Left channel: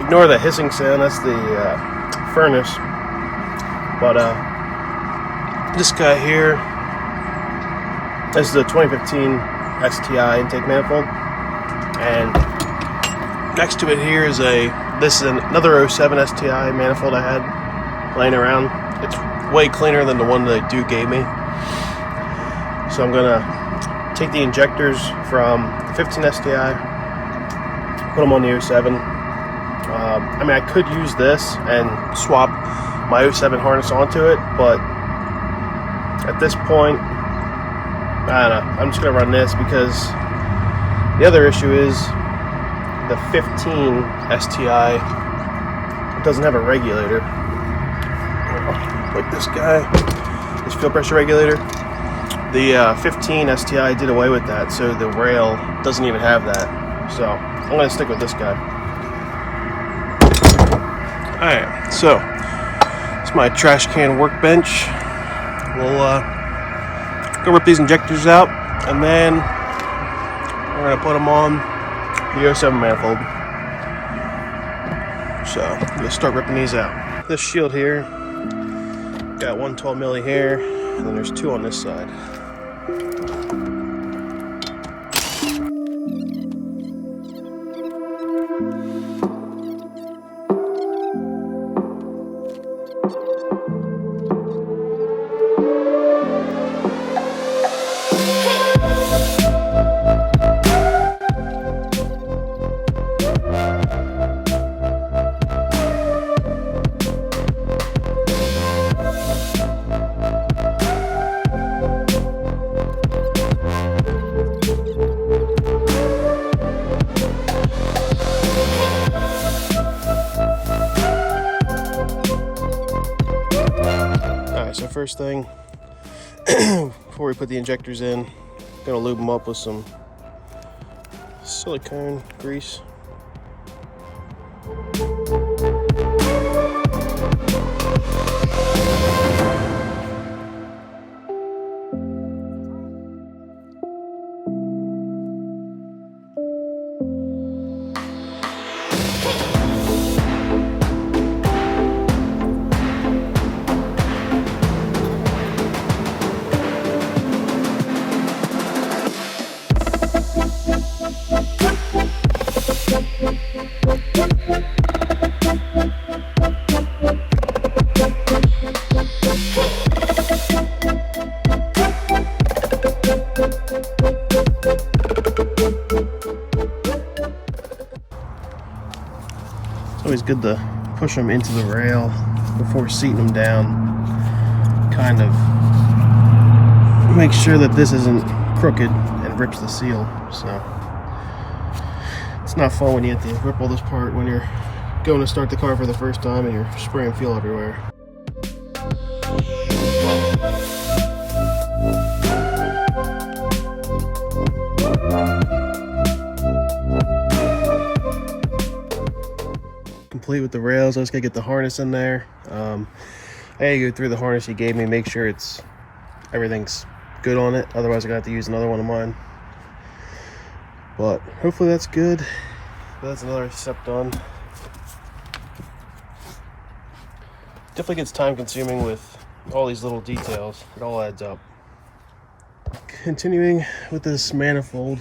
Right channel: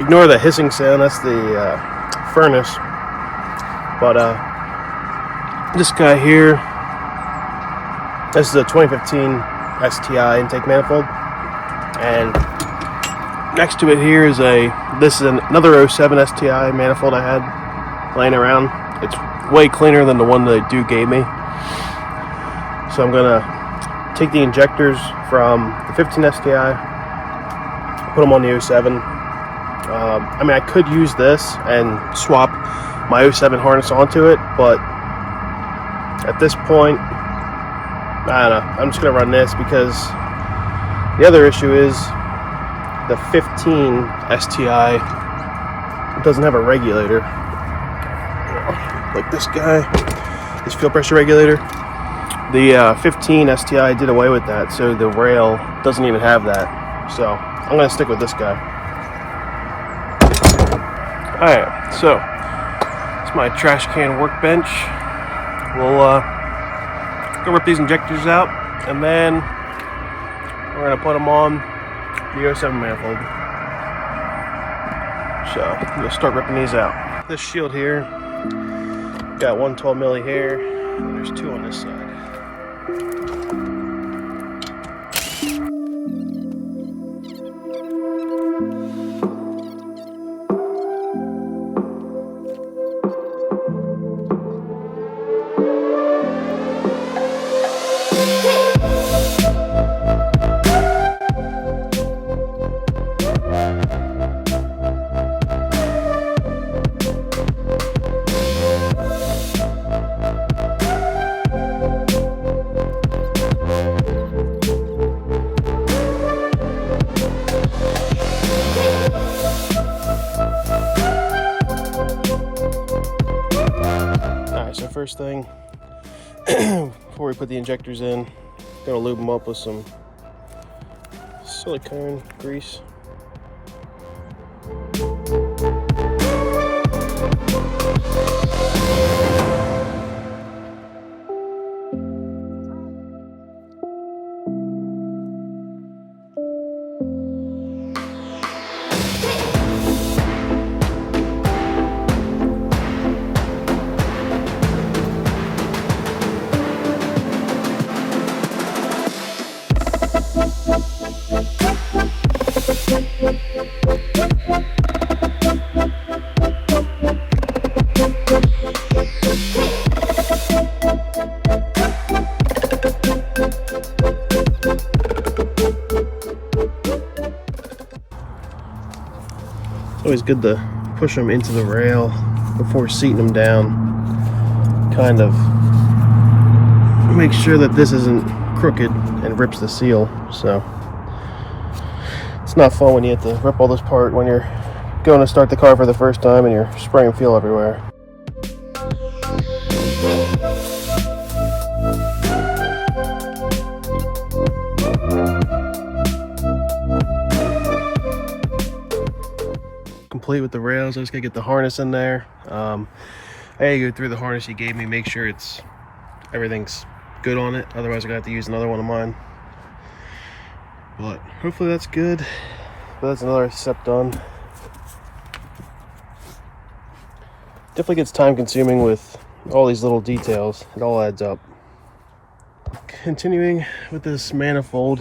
Ignore the hissing sound, that's the furnace. But this guy here, this is a 2015 STI intake manifold, and next to it here is this is another 07 STI manifold I had laying around. It's way cleaner than the one the dude gave me. So I'm gonna take the injectors from the 15 STI, put them on the 07. I mean, I could use this and swap my 07 harness onto it, but at this point, I don't know. I'm just gonna run this because the other issue is the 15 STI doesn't have a regulator. Like this guy, this fuel pressure regulator. The 15 STI did away with that, so the rail doesn't even have that. So I'm gonna stick with this guy. Alright, so it's my trash can workbench. We'll go rip these injectors out, and then we're gonna put them on the 07 manifold. So I'm gonna start ripping these out. This shield here got one 12 milli here, and then there's two on this side. So first thing, before we put the injectors in, gonna lube them up with some silicone grease. It's always good to push them into the rail before seating them down. Kind of make sure that this isn't crooked and rips the seal. So it's not fun when you have to rip all this apart when you're going to start the car for the first time and you're spraying fuel everywhere. Complete with the rails. I just gotta get the harness in there. I gotta go through the harness he gave me, make sure everything's good on it. Otherwise, I'm gonna have to use another one of mine. But hopefully that's good. But that's another step done. Definitely gets time consuming with all these little details. It all adds up. Continuing with this manifold,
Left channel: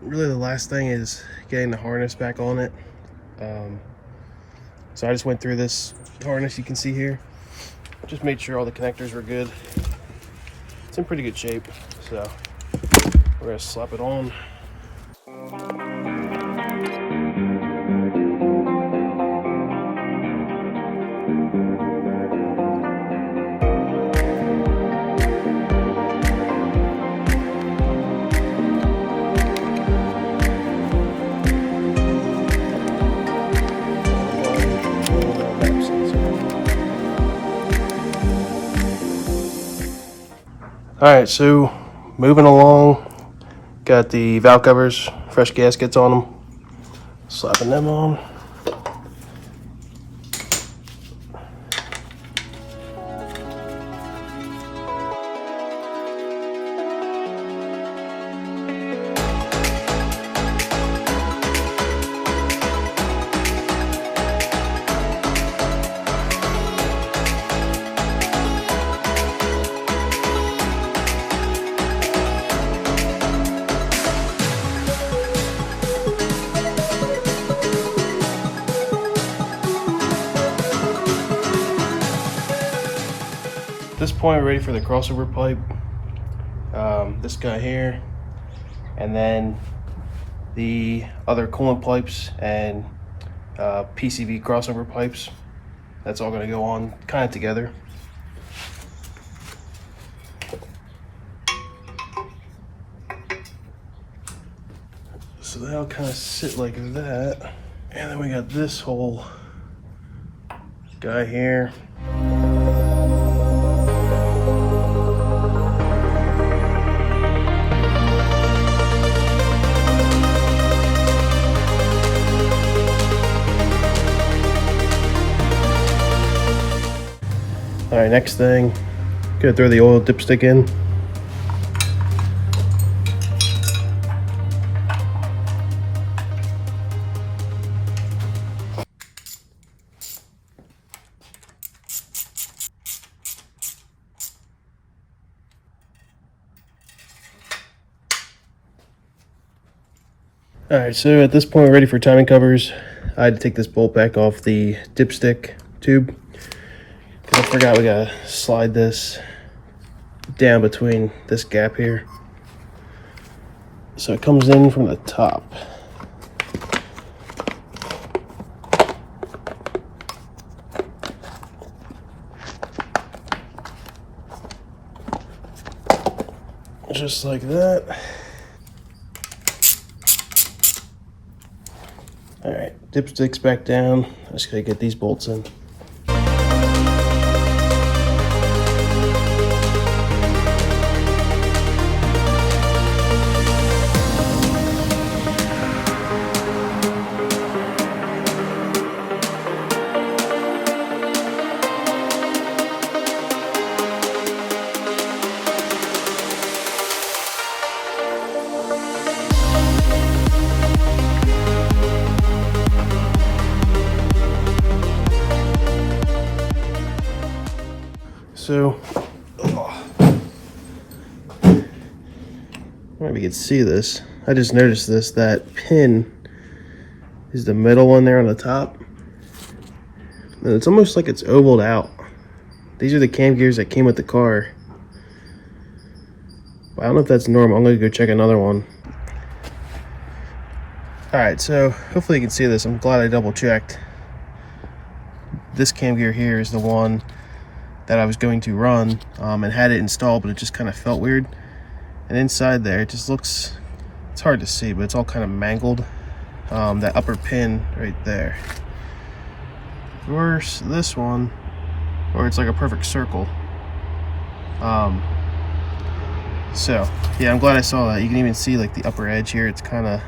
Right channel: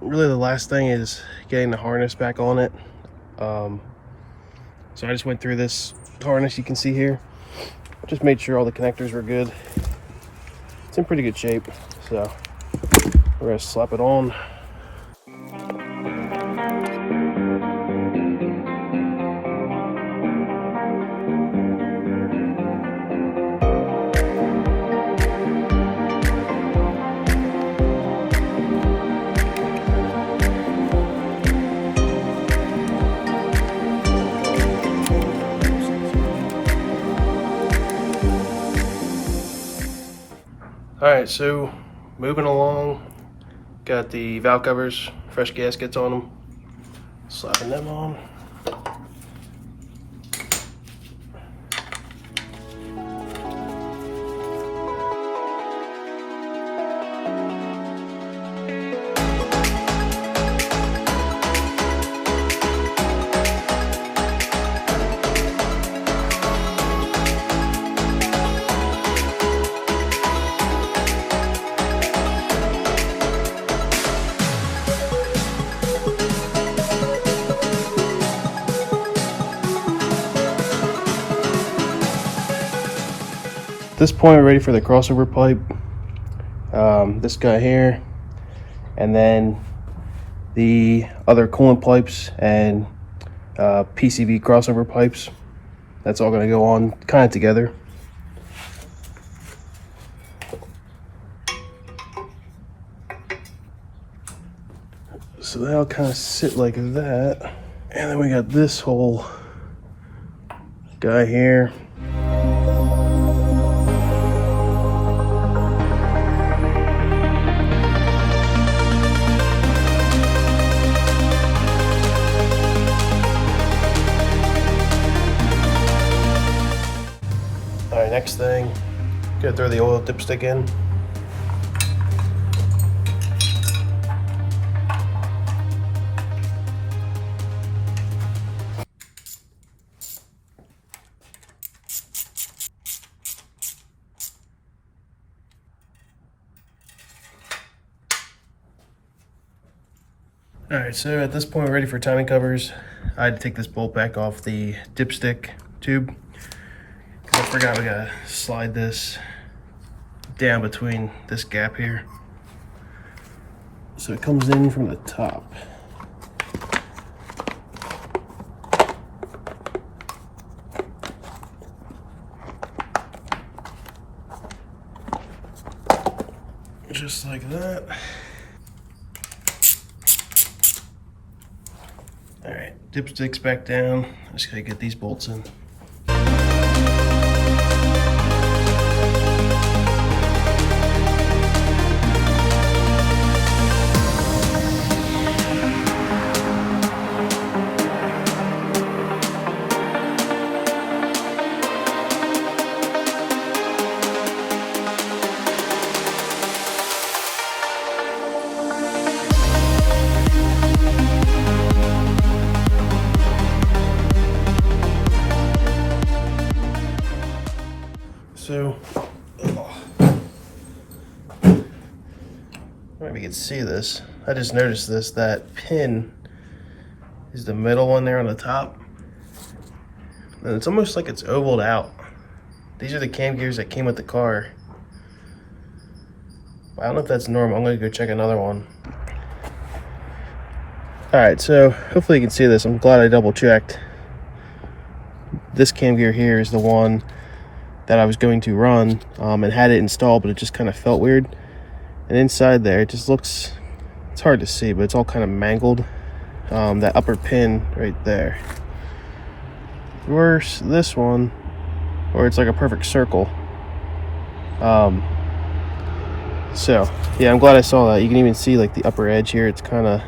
really the last thing is getting the harness back on it. So I just went through this harness you can see here. Just made sure all the connectors were good. It's in pretty good shape. So we're gonna slap it on. Alright, so moving along, got the valve covers, fresh gaskets on them, slapping them on. this point, we're ready for the crossover pipe. This guy here, and then the other coolant pipes and PCV crossover pipes. That's all going to go on kind of together. So that'll kind of sit like that. And then we got this whole guy here. Alright, next thing, gonna throw the oil dipstick in. Alright, so at this point we're ready for timing covers. I had to take this bolt back off the dipstick tube. I forgot we gotta slide this down between this gap here. So it comes in from the top. Just like that. All right, dipstick's back down. I just gotta get these bolts in. So, maybe you can see this. I just noticed this, that pin is the middle one there on the top. And it's almost like it's ovaled out. These are the cam gears that came with the car. I don't know if that's normal. I'm gonna go check another one. Alright, so hopefully you can see this. I'm glad I double checked. This cam gear here is the one that I was going to run and had it installed, but it just kind of felt weird. And inside there, it just looks, it's hard to see, but it's all kind of mangled. That upper pin right there. Versus this one, where it's like a perfect circle. So, yeah, I'm glad I saw that. You can even see like the upper edge here. It's kind of,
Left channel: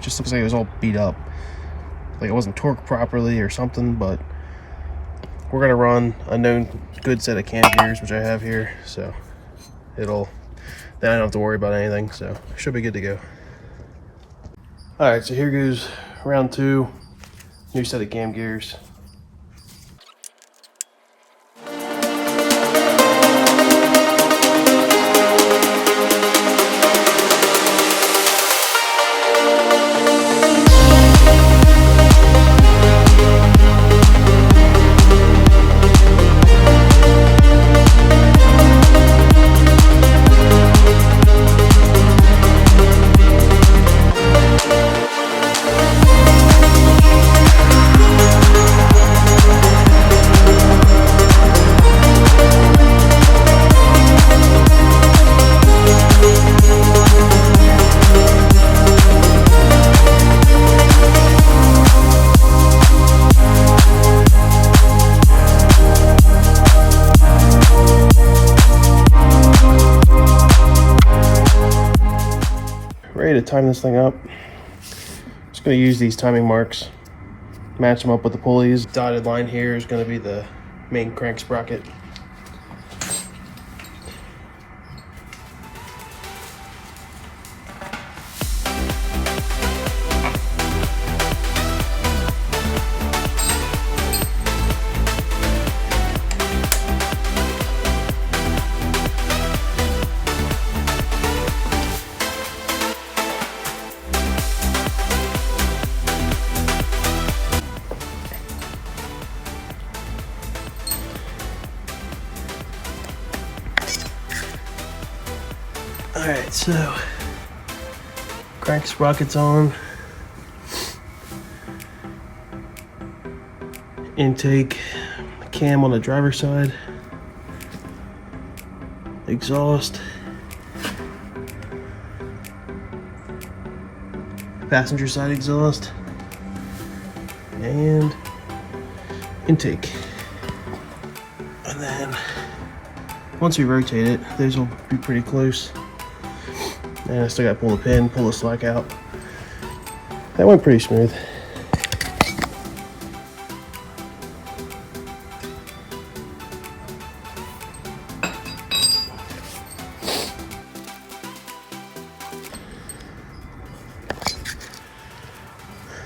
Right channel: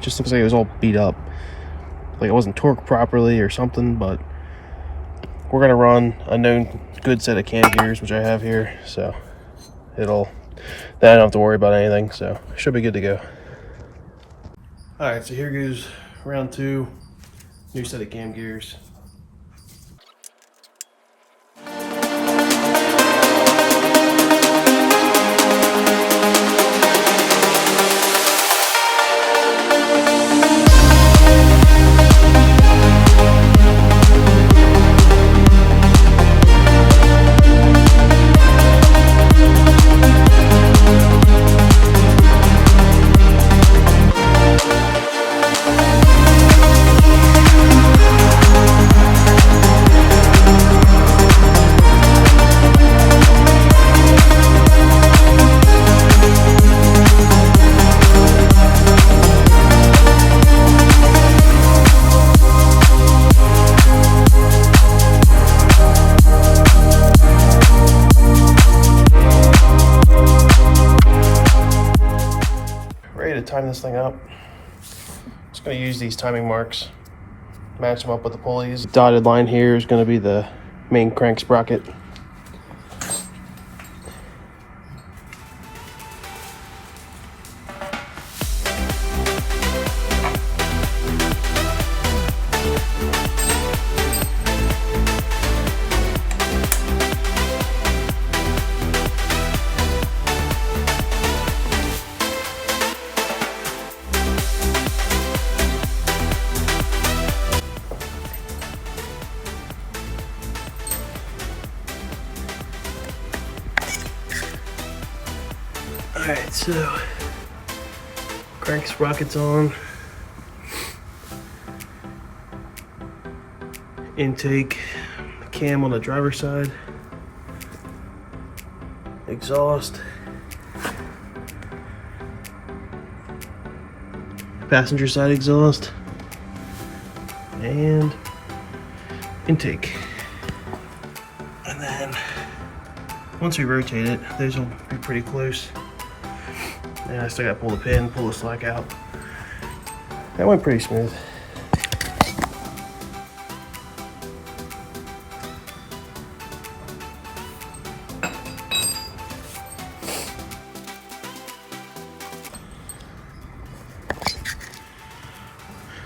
just looks like it was all beat up. Like it wasn't torqued properly or something, but we're gonna run a known good set of cam gears, which I have here, so then I don't have to worry about anything, so should be good to go. All right, so here goes round 2, new set of cam gears. To time this thing up, just going to use these timing marks, match them up with the pulleys. Dotted line here is going to be the main crank sprocket. So, crank sprockets on. Intake cam on the driver's side. Exhaust. Passenger side exhaust. And intake. And then once we rotate it, these will be pretty close. And I still got to pull the pin, pull the slack out. That went pretty smooth.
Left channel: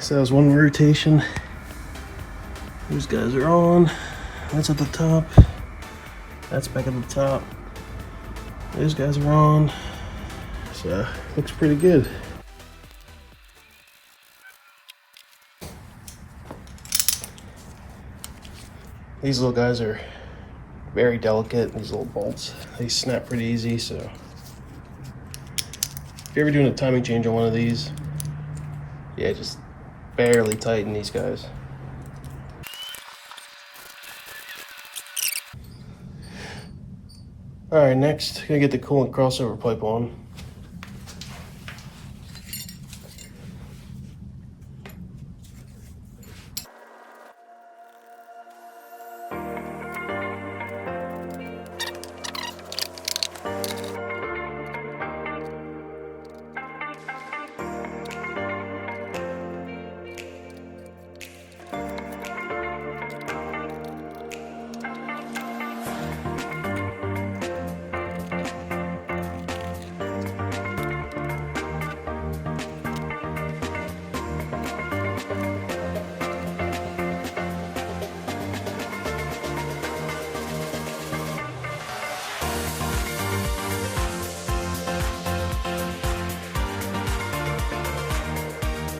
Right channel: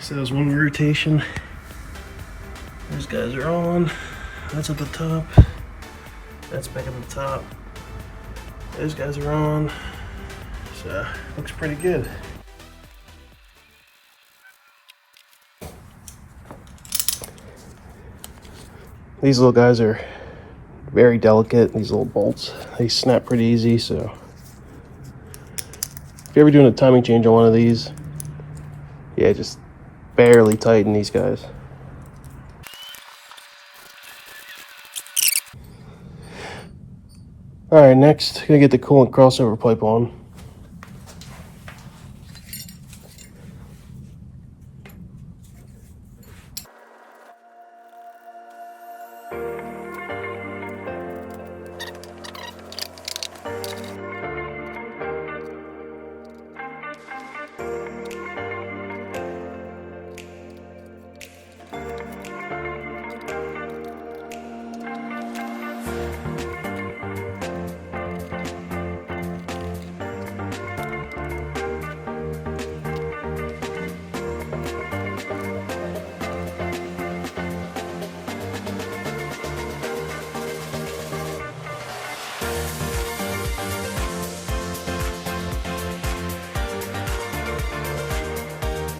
So that was one rotation. Those guys are on. That's at the top. That's back at the top. Those guys are on. So looks pretty good. These little guys are very delicate. These little bolts, they snap pretty easy. So if you're ever doing a timing change on one of these, yeah, just barely tighten these guys. All right, next, gonna get the coolant crossover pipe on.